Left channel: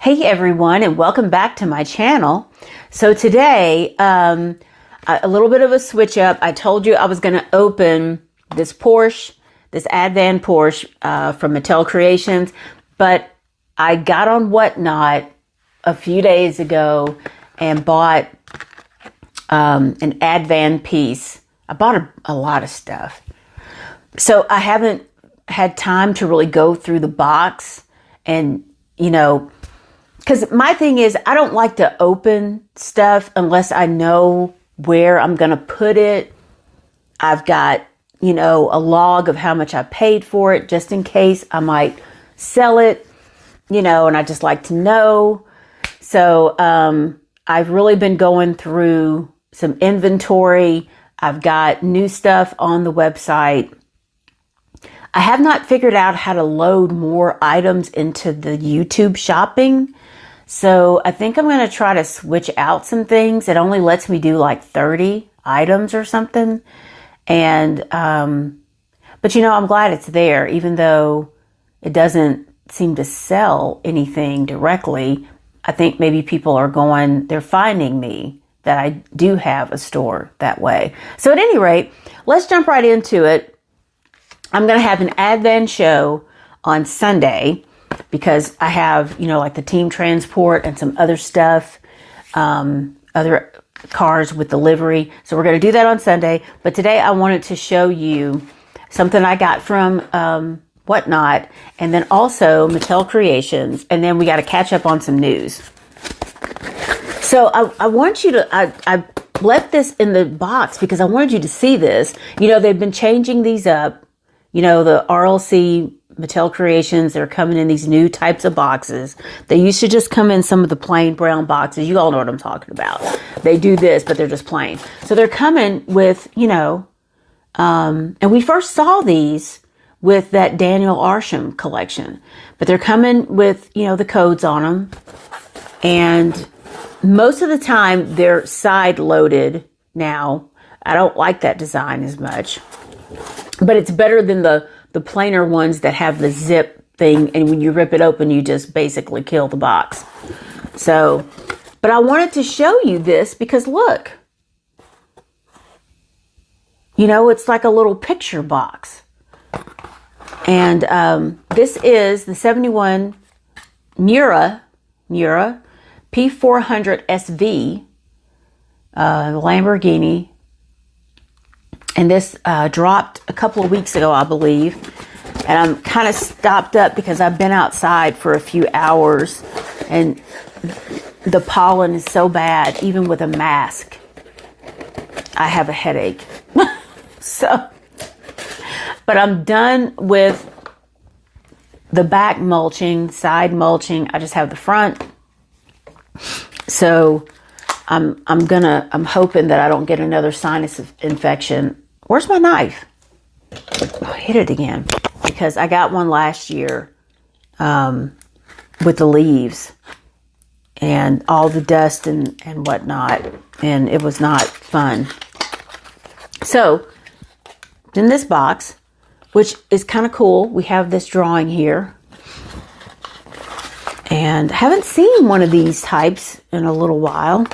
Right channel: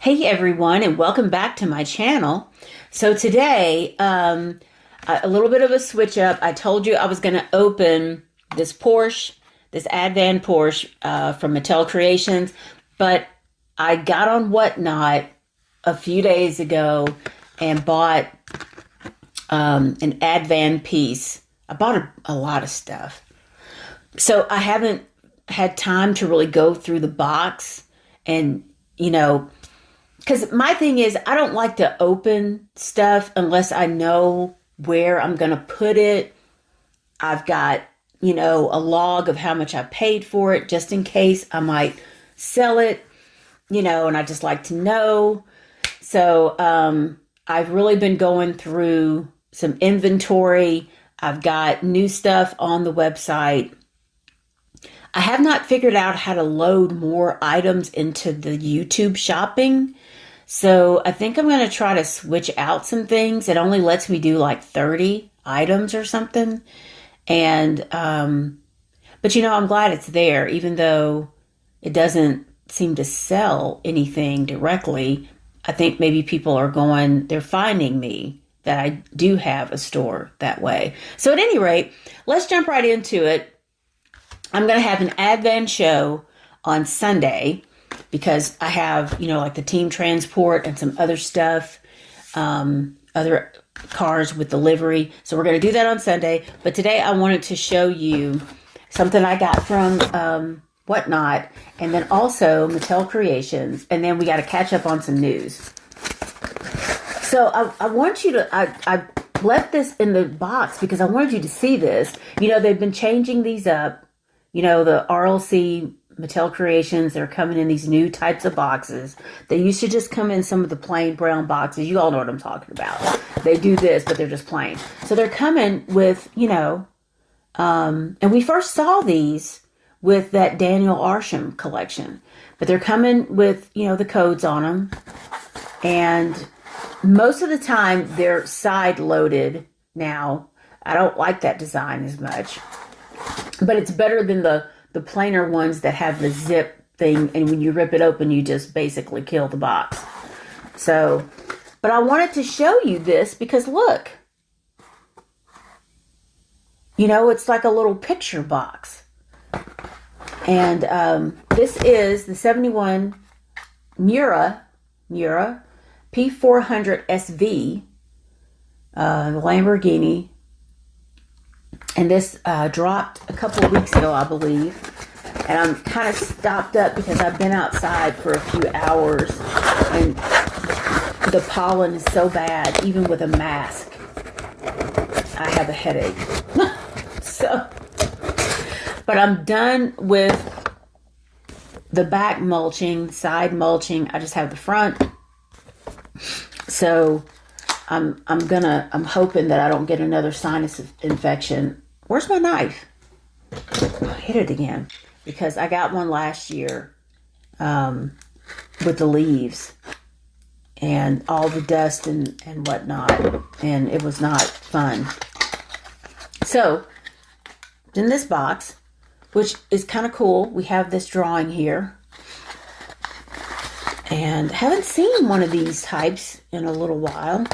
Hey everyone, and welcome back to my channel. So today, a little bit of a switch up. I told you I was going to open this Porsche, this Advan Porsche from Mattel Creations, but I got on Whatnot a few days ago and bought an Advan piece. I bought a lot of stuff. So I haven't had time to really go through the box and, because my thing is, I don't like to open stuff unless I know where I'm going to put it. I've got, a log of how much I paid for it, just in case I might sell it, and I just like to know. So I've really been going through some inventory. I've got new stuff on the website. I have not figured out how to load more items into the YouTube shopping. So I think I'm going to try to switch out some things. It only lets me do like 30 items or something. And, but I'm glad it's there, even though it doesn't seem to sell anything directly. I think maybe people they're finding me that I do have a store that way. So at any rate, let's jump right into it. I'm going to have an Advan show on Sunday, because I have, like the team transport and some other stuff, other cars with delivery. So we're going to do that on Sunday. But today I wanted to show you something I got from Whatnot, and then also Mattel Creations. And then we got to catch up on some news. So I want you to, I left this in the box because I wanted you to see this. They've been changing these up. The RLC Mattel Creations, they're coming in these new types of boxes. They used to just come in some of the plain brown boxes. You all know what I'm talking about. They do this, but they're just plain. So they're coming with, and we first saw these with that Daniel Arsham collection. But they're coming with, the codes on them. And most of the time, they're side-loaded now. I don't like that design as much. But it's better than the plainer ones that have the zip thing, and when you rip it open, you just basically kill the box. So, but I wanted to show you this because look, it's like a little picture box. And this is the 71 Miura P400 SV Lamborghini. And this dropped a couple of weeks ago, I believe. And I'm kind of stopped up because I've been outside for a few hours. And the pollen is so bad, even with a mask. I have a headache. But I'm done with the back mulching, side mulching. I just have the front. So I'm hoping that I don't get another sinus infection. Where's my knife? I hit it again because I got one last year with the leaves and all the dust and whatnot, and it was not fun. So in this box, which is kind of cool, we have this drawing here. And I haven't seen one of these types in a little while.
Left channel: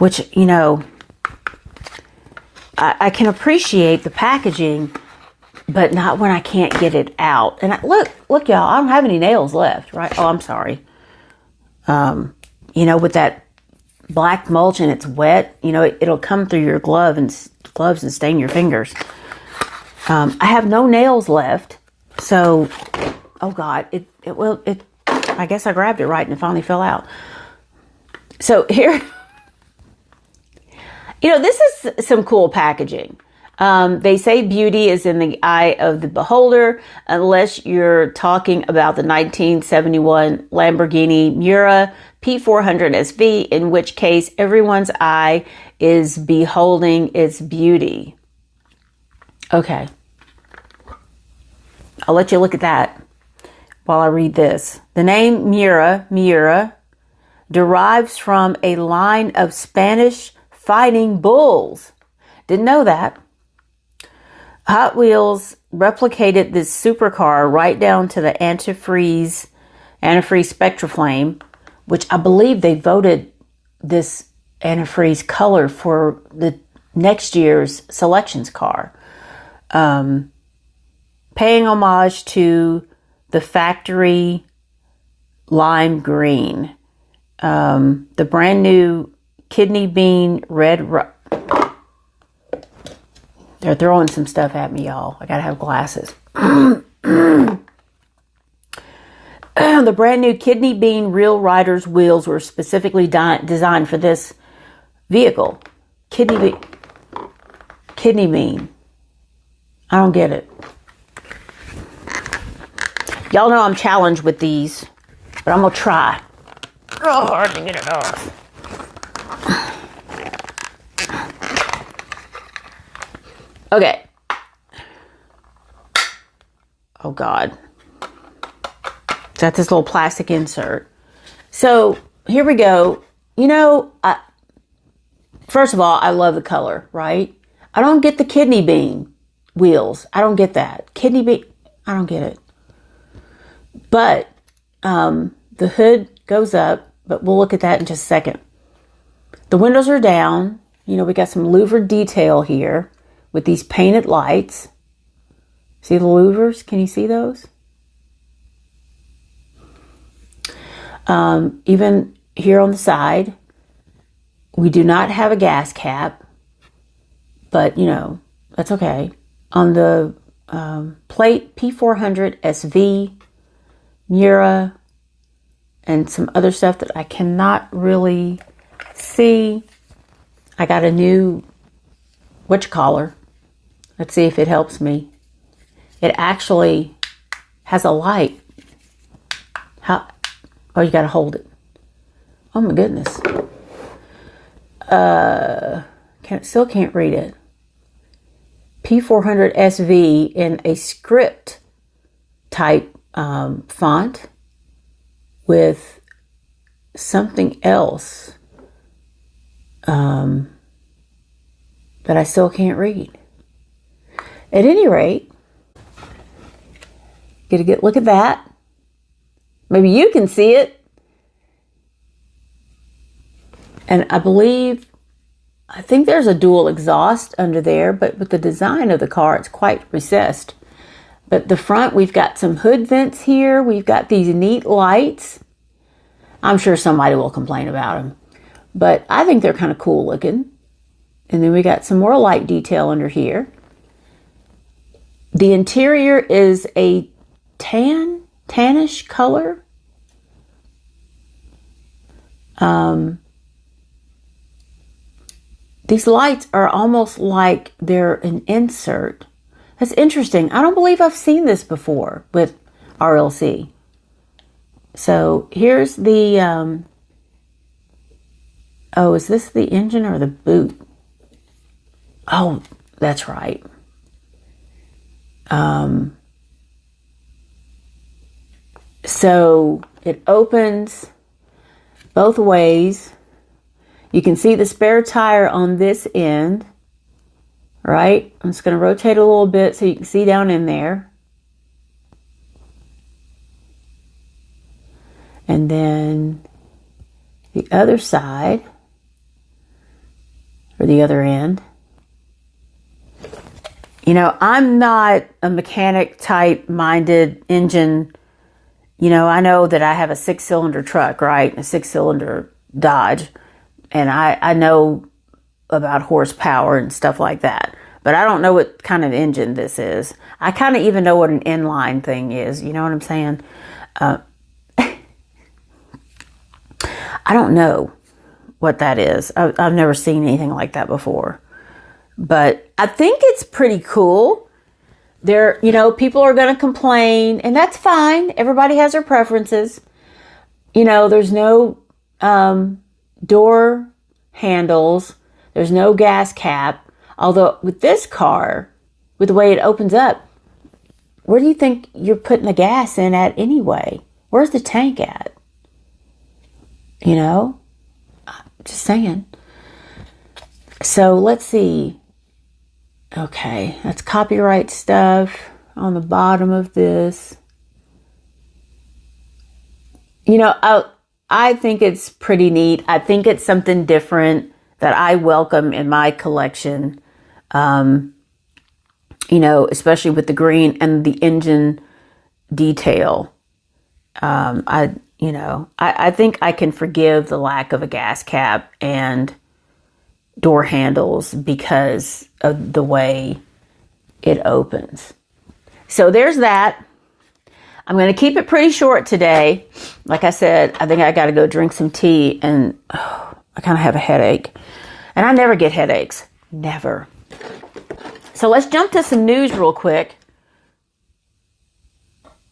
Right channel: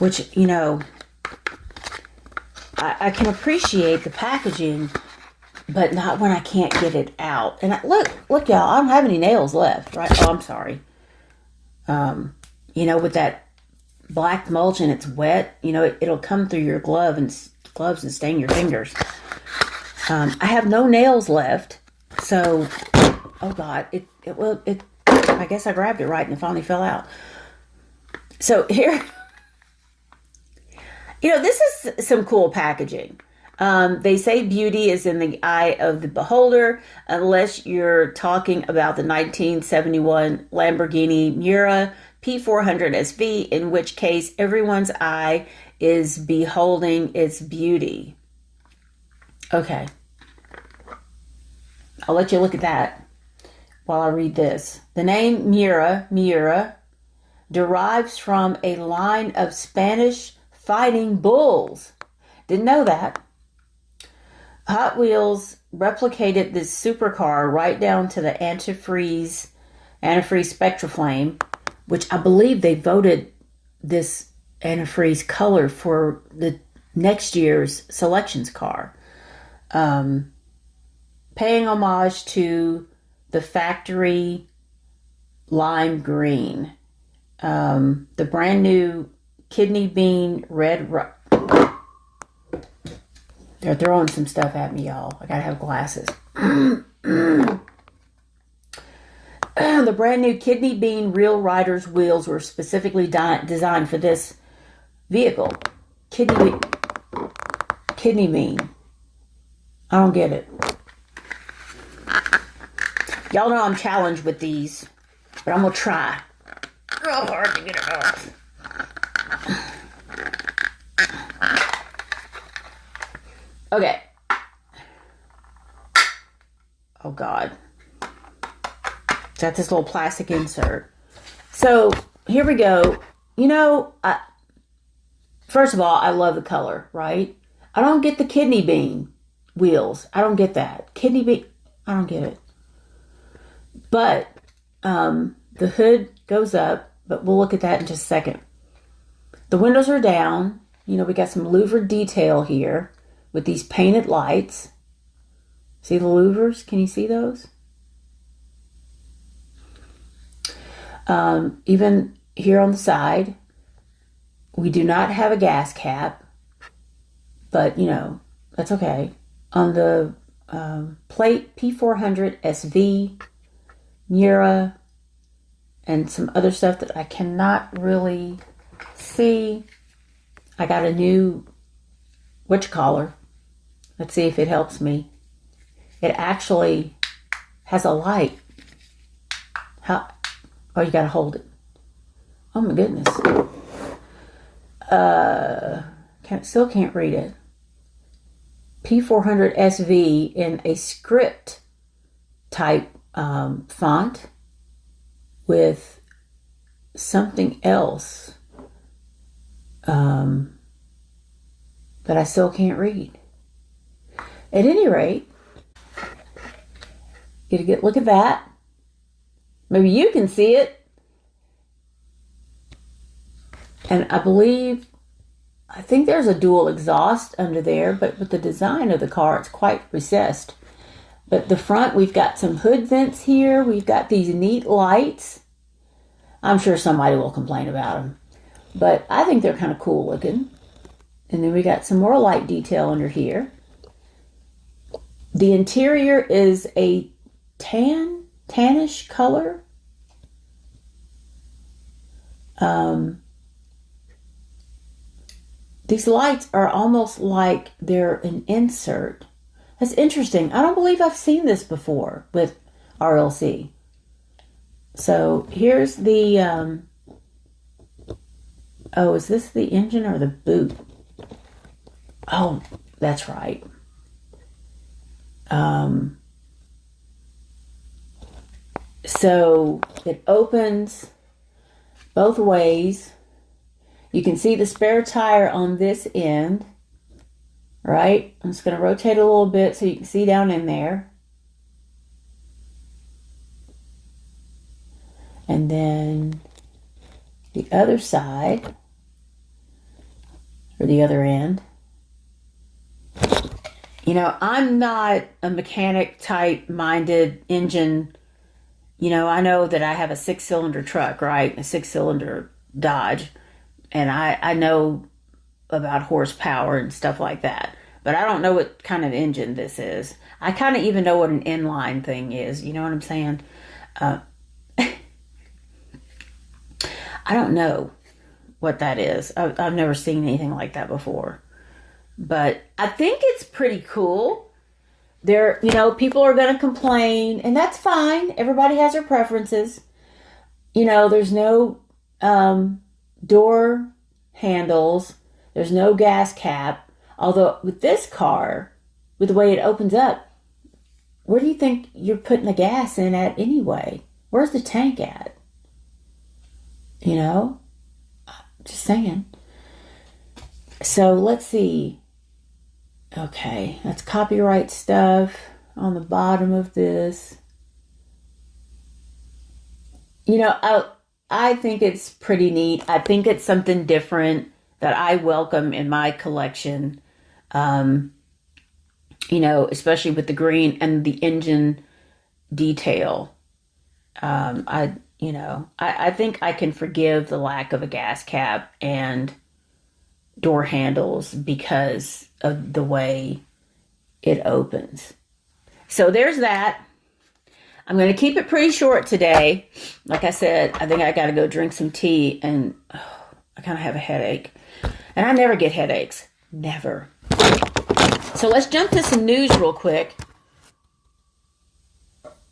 Which, I can appreciate the packaging, but not when I can't get it out. And look, y'all, I don't have any nails left, right? Oh, I'm sorry. With that black mulch and it's wet, it'll come through your gloves and stain your fingers. I have no nails left. So, oh God, I guess I grabbed it right and it finally fell out. So here, this is some cool packaging. They say beauty is in the eye of the beholder, unless you're talking about the 1971 Lamborghini Miura P400 SV, in which case everyone's eye is beholding its beauty. Okay. I'll let you look at that while I read this. The name Miura, derives from a line of Spanish fighting bulls. Didn't know that. Hot Wheels replicated this supercar right down to the antifreeze antifreeze Spectra Flame, which I believe they voted this antifreeze color for the next year's selections car. Paying homage to the factory lime green. The brand new kidney bean red. They're throwing some stuff at me, y'all. I gotta have glasses. The brand new kidney bean Real Riders wheels were specifically designed for this vehicle. Kidney bean. I don't get it. Y'all know I'm challenged with these, but I'm gonna try. Real hard to get it off. Okay. Oh God. Got this little plastic insert. So here we go. You know, first of all, I love the color, right? I don't get the kidney bean wheels. I don't get that. Kidney bean, I don't get it. But the hood goes up, but we'll look at that in just a second. The windows are down. You know, we got some louvered detail here with these painted lights. See the louvers? Can you see those? Even here on the side, we do not have a gas cap, but you know, that's okay. On the plate, P400 SV, Miura, and some other stuff that I cannot really see. I got a new whatchamacallit. Let's see if it helps me. It actually has a light. How? Oh, you gotta hold it. Oh my goodness. Still can't read it. P400 SV in a script type font with something else that I still can't read. At any rate, look at that. Maybe you can see it. And I think there's a dual exhaust under there, but with the design of the car, it's quite recessed. But the front, we've got some hood vents here. We've got these neat lights. I'm sure somebody will complain about them, but I think they're kind of cool looking. And then we got some more light detail under here. The interior is a tannish color. These lights are almost like they're an insert. That's interesting. I don't believe I've seen this before with RLC. So here's the, oh, is this the engine or the boot? Oh, that's right. So it opens both ways. You can see the spare tire on this end, right? I'm just going to rotate a little bit so you can see down in there. And then the other side, or the other end. You know, I'm not a mechanic type minded engine. You know, I know that I have a 6-cylinder truck, right? A 6-cylinder Dodge. And I know about horsepower and stuff like that. But I don't know what kind of engine this is. I kind of even know what an inline thing is. You know what I'm saying? I don't know what that is. I've never seen anything like that before. But I think it's pretty cool. You know, people are going to complain, and that's fine. Everybody has their preferences. You know, there's no door handles. There's no gas cap. Although with this car, with the way it opens up, where do you think you're putting the gas in at anyway? Where's the tank at? You know, just saying. So let's see. Okay, that's copyright stuff on the bottom of this. You know, I think it's pretty neat. I think it's something different that I welcome in my collection. You know, especially with the green and the engine detail. I think I can forgive the lack of a gas cap and door handles because of the way it opens. So there's that. I'm going to keep it pretty short today. Like I said, I think I got to go drink some tea, and I kind of have a headache. And I never get headaches. Never. So let's jump to some news real quick.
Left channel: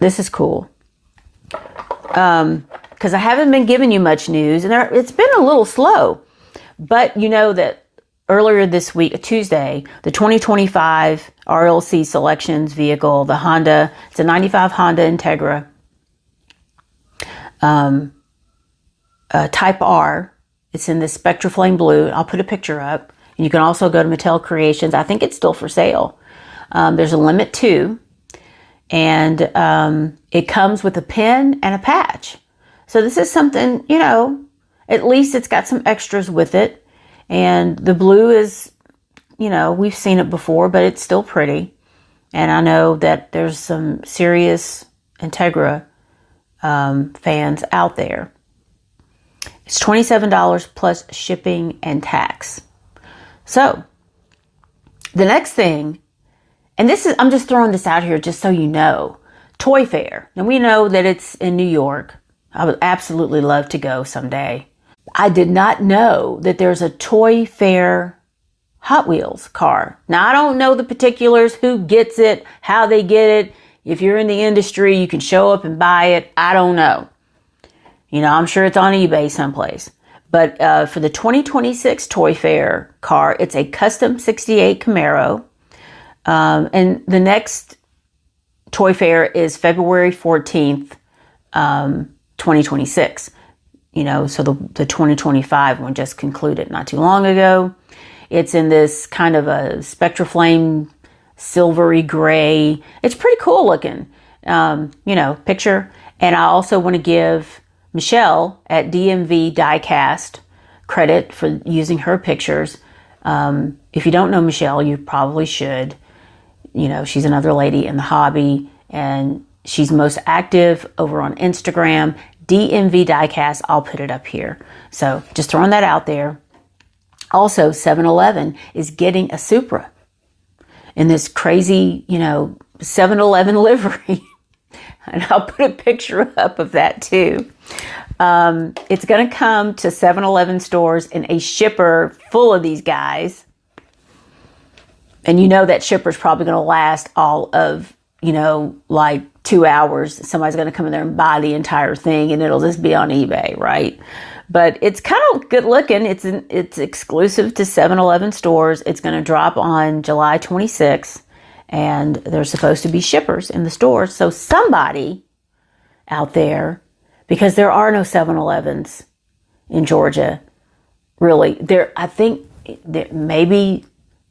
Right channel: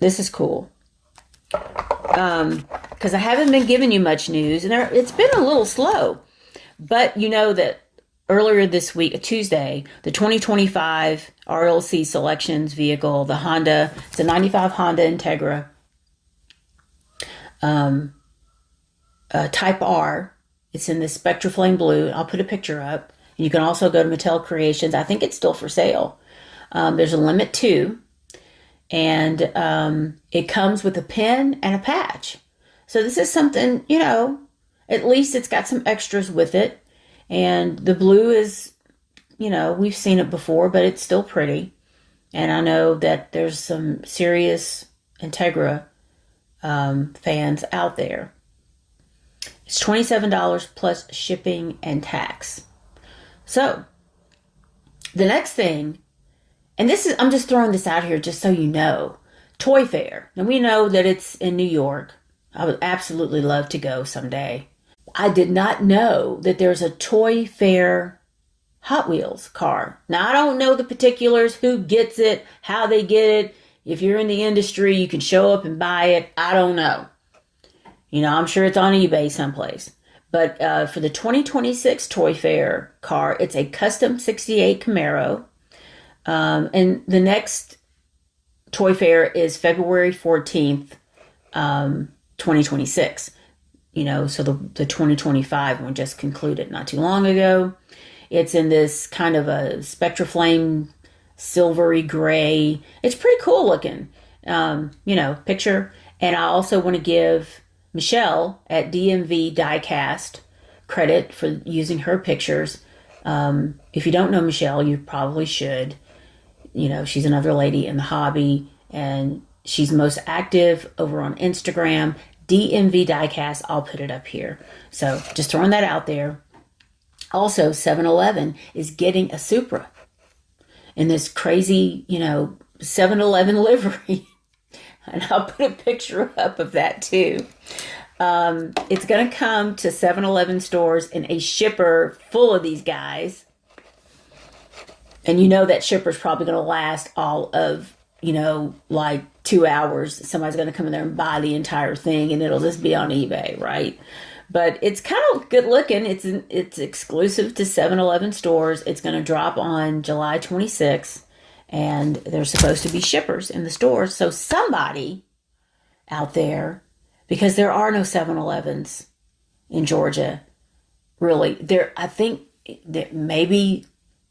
This is cool. Because I haven't been giving you much news, and it's been a little slow. But you know that earlier this week, Tuesday, the 2025 RLC Selections vehicle, the Honda, it's a 95 Honda Integra, Type R. It's in the Spectra Flame Blue. I'll put a picture up. And you can also go to Mattel Creations. I think it's still for sale. There's a limit too. And it comes with a pin and a patch. So this is something, you know, at least it's got some extras with it. And the blue is, you know, we've seen it before, but it's still pretty. And I know that there's some serious Integra fans out there. It's $27 plus shipping and tax. So the next thing, and this is, I'm just throwing this out here just so you know, Toy Fair. Now we know that it's in New York. I would absolutely love to go someday. I did not know that there's a Toy Fair Hot Wheels car. Now I don't know the particulars, who gets it, how they get it. If you're in the industry, you can show up and buy it. I don't know. You know, I'm sure it's on eBay someplace. But for the 2026 Toy Fair car, it's a custom 68 Camaro. And the next Toy Fair is February 14th, 2026. You know, so the 2025 one just concluded not too long ago. It's in this kind of a Spectra Flame silvery gray. It's pretty cool looking, you know, picture. And I also want to give Michelle at DMV Diecast credit for using her pictures. If you don't know Michelle, you probably should. You know, she's another lady in the hobby, and she's most active over on Instagram, DMV Diecast. I'll put it up here. So just throwing that out there. Also, 7-Eleven is getting a Supra in this crazy, you know, 7-Eleven livery. And I'll put a picture up of that too. It's going to come to 7-Eleven stores in a shipper full of these guys. And you know that shipper's probably going to last all of, you know, like 2 hours. Somebody's going to come in there and buy the entire thing, and it'll just be on eBay, right? But it's kind of good looking. It's exclusive to 7-Eleven stores. It's going to drop on July 26th. And there's supposed to be shippers in the stores. So somebody out there, because there are no 7-Elevens in Georgia, really. I think that maybe,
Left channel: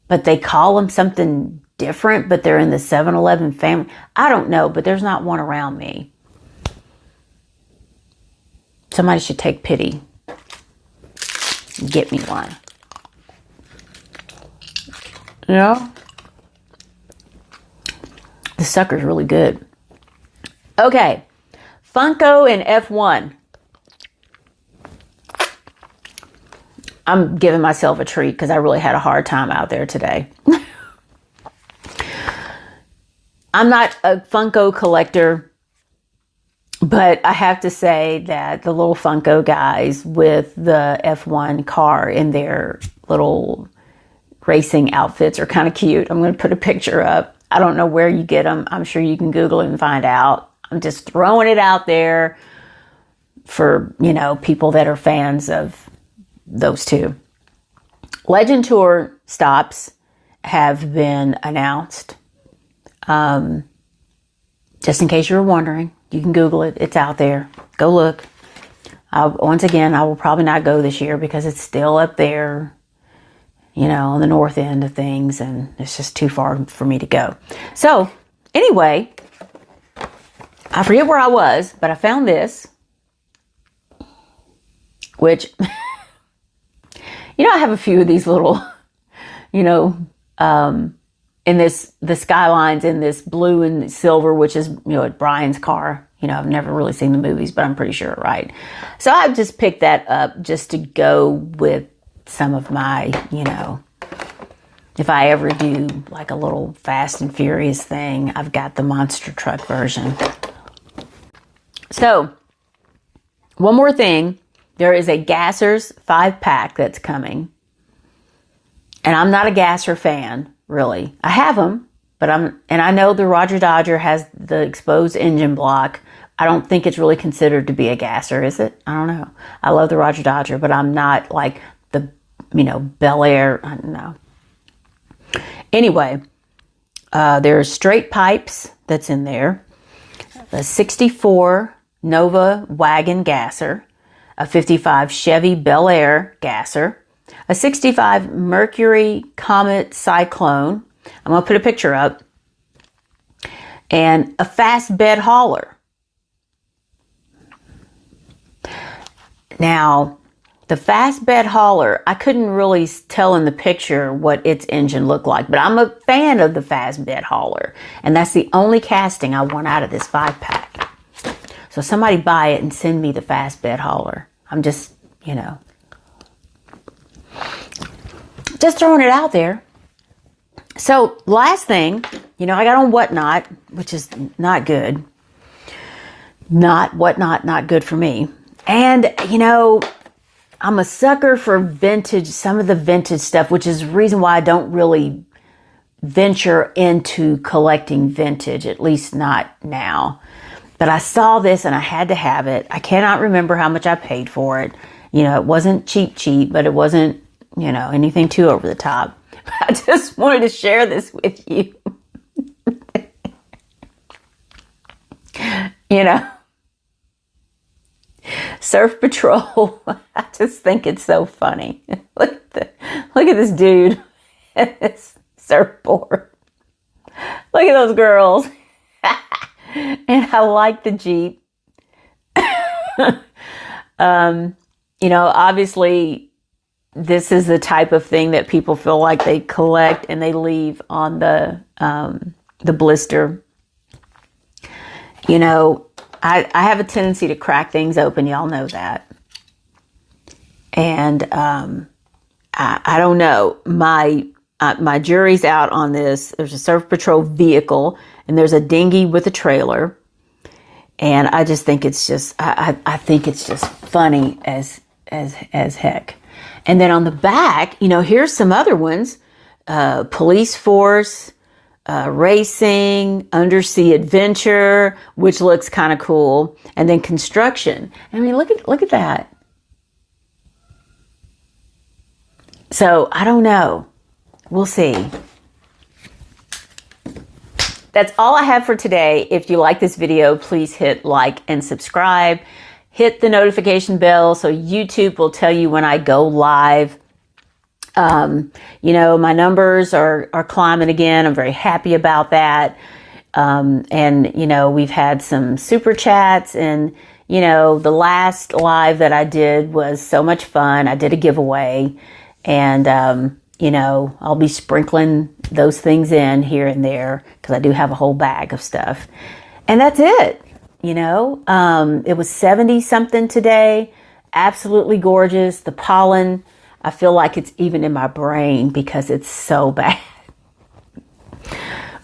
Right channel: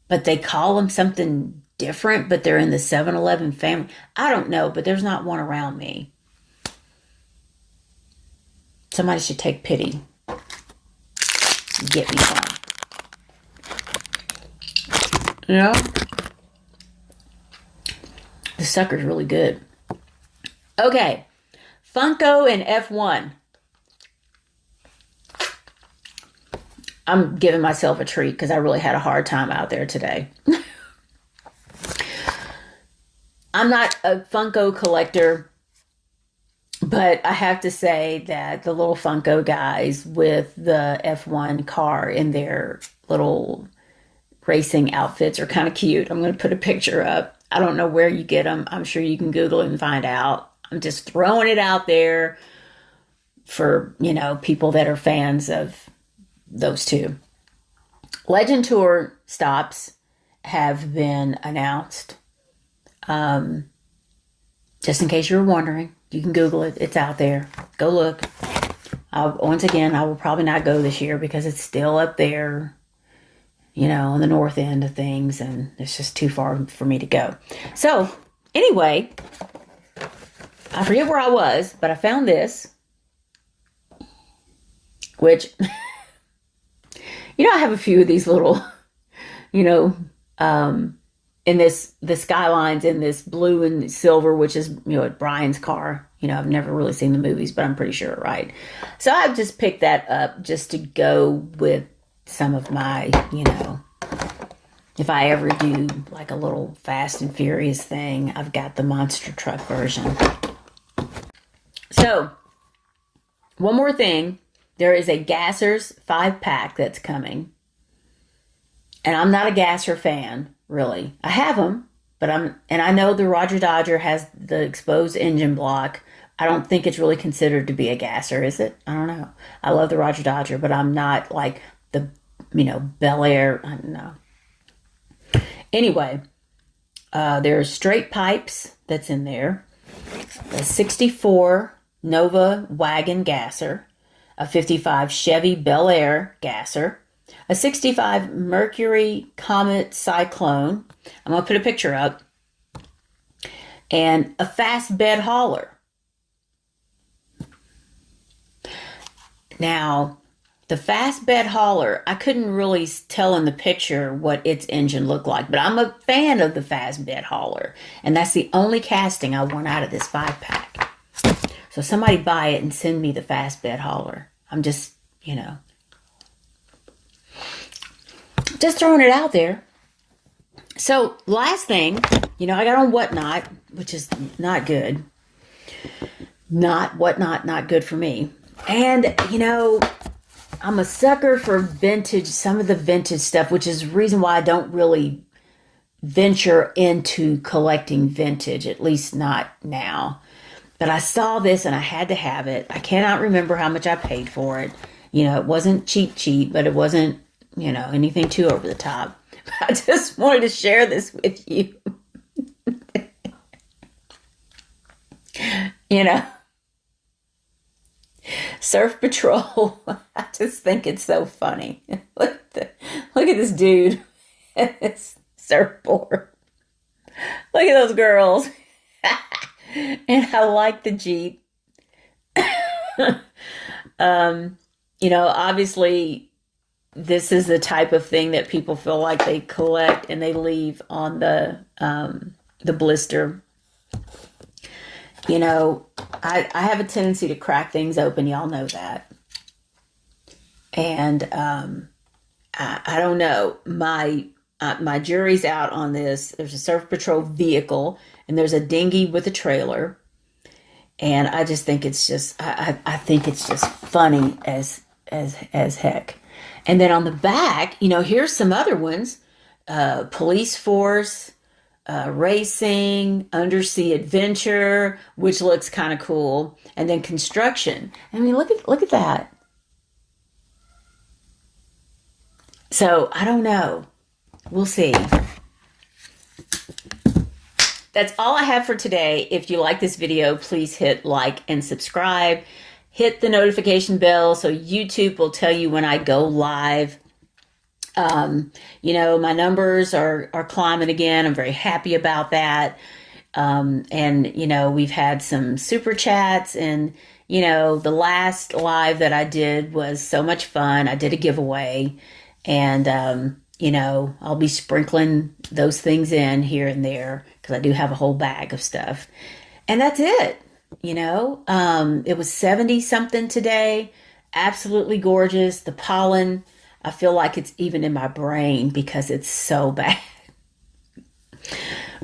but they call them something different, but they're in the 7-Eleven family. I don't know, but there's not one around me. Somebody should take pity and get me one. You know? The sucker's really good. Okay. Funko and F1. I'm giving myself a treat because I really had a hard time out there today. I'm not a Funko collector, but I have to say that the little Funko guys with the F1 car in their little racing outfits are kind of cute. I'm going to put a picture up. I don't know where you get them. I'm sure you can Google it and find out. I'm just throwing it out there for, you know, people that are fans of those two. Legend Tour stops have been announced. Just in case you were wondering, you can Google it. It's out there. Go look. Once again, I will probably not go this year because it's still up there, you know, on the north end of things, and it's just too far for me to go. So, anyway, I forget where I was, but I found this. which, I have a few of these little, in the Skylines in this blue and silver, which is, at Brian's car. I've never really seen the movies, but I'm pretty sure, right? So I've just picked that up just to go with some of my, if I ever do like a little Fast and Furious thing, I've got the monster truck version. So, one more thing. There is a Gassers 5-pack that's coming. And I'm not a Gasser fan, really. I have them, and I know the Roger Dodger has the exposed engine block. I don't think it's really considered to be a Gasser, is it? I don't know. I love the Roger Dodger, but I'm not like the, Bel Air. I don't know. Anyway, there's straight pipes that's in there. A 64 Nova Wagon Gasser. A 55 Chevy Bel Air Gasser. A 65 Mercury Comet Cyclone. I'm going to put a picture up. And a fast bed hauler. Now, the fast bed hauler, I couldn't really tell in the picture what its engine looked like, but I'm a fan of the fast bed hauler. And that's the only casting I want out of this 5-pack. So somebody buy it and send me the fast bed hauler. I'm just, just throwing it out there. So last thing, I got on Whatnot, which is not good. Not good for me. And, I'm a sucker for vintage, some of the vintage stuff, which is the reason why I don't really venture into collecting vintage, at least not now. But I saw this and I had to have it. I cannot remember how much I paid for it. It wasn't cheap, but it wasn't, anything too over the top. I just wanted to share this with you. Surf Patrol. I just think it's so funny. Look at this dude at this surfboard. Look at those girls. And I like the Jeep. Obviously this is the type of thing that people feel like they collect and they leave on the blister. I have a tendency to crack things open. Y'all know that. And I don't know. My jury's out on this. There's a Surf Patrol vehicle, and there's a dinghy with a trailer. And I just think it's just, I think it's just funny as heck. And then on the back, here's some other ones. Police Force, Racing, Undersea Adventure, which looks kind of cool. And then Construction. I mean, look at that. So, I don't know. We'll see. That's all I have for today. If you like this video, please hit like and subscribe. Hit the notification bell so YouTube will tell you when I go live. My numbers are climbing again. I'm very happy about that. And we've had some super chats, and, the last live that I did was so much fun. I did a giveaway, and, I'll be sprinkling those things in here and there because I do have a whole bag of stuff. And that's it. It was 70 something today. Absolutely gorgeous. The pollen, I feel like it's even in my brain because it's so bad.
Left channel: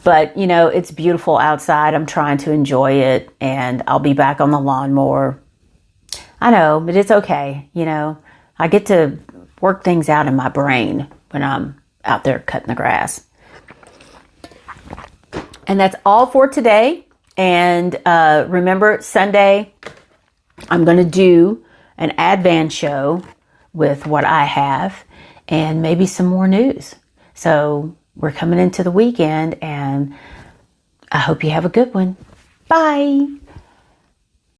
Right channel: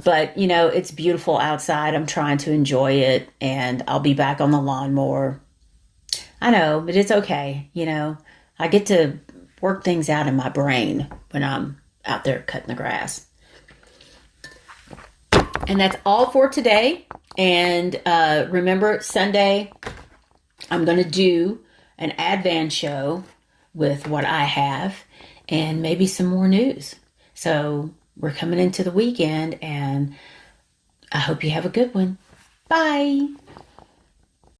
But, it's beautiful outside. I'm trying to enjoy it, and I'll be back on the lawn more. I know, but it's okay. I get to work things out in my brain when I'm out there cutting the grass. And that's all for today. And remember, Sunday, I'm going to do an Advan show with what I have and maybe some more news. So we're coming into the weekend, and I hope you have a good one. Bye.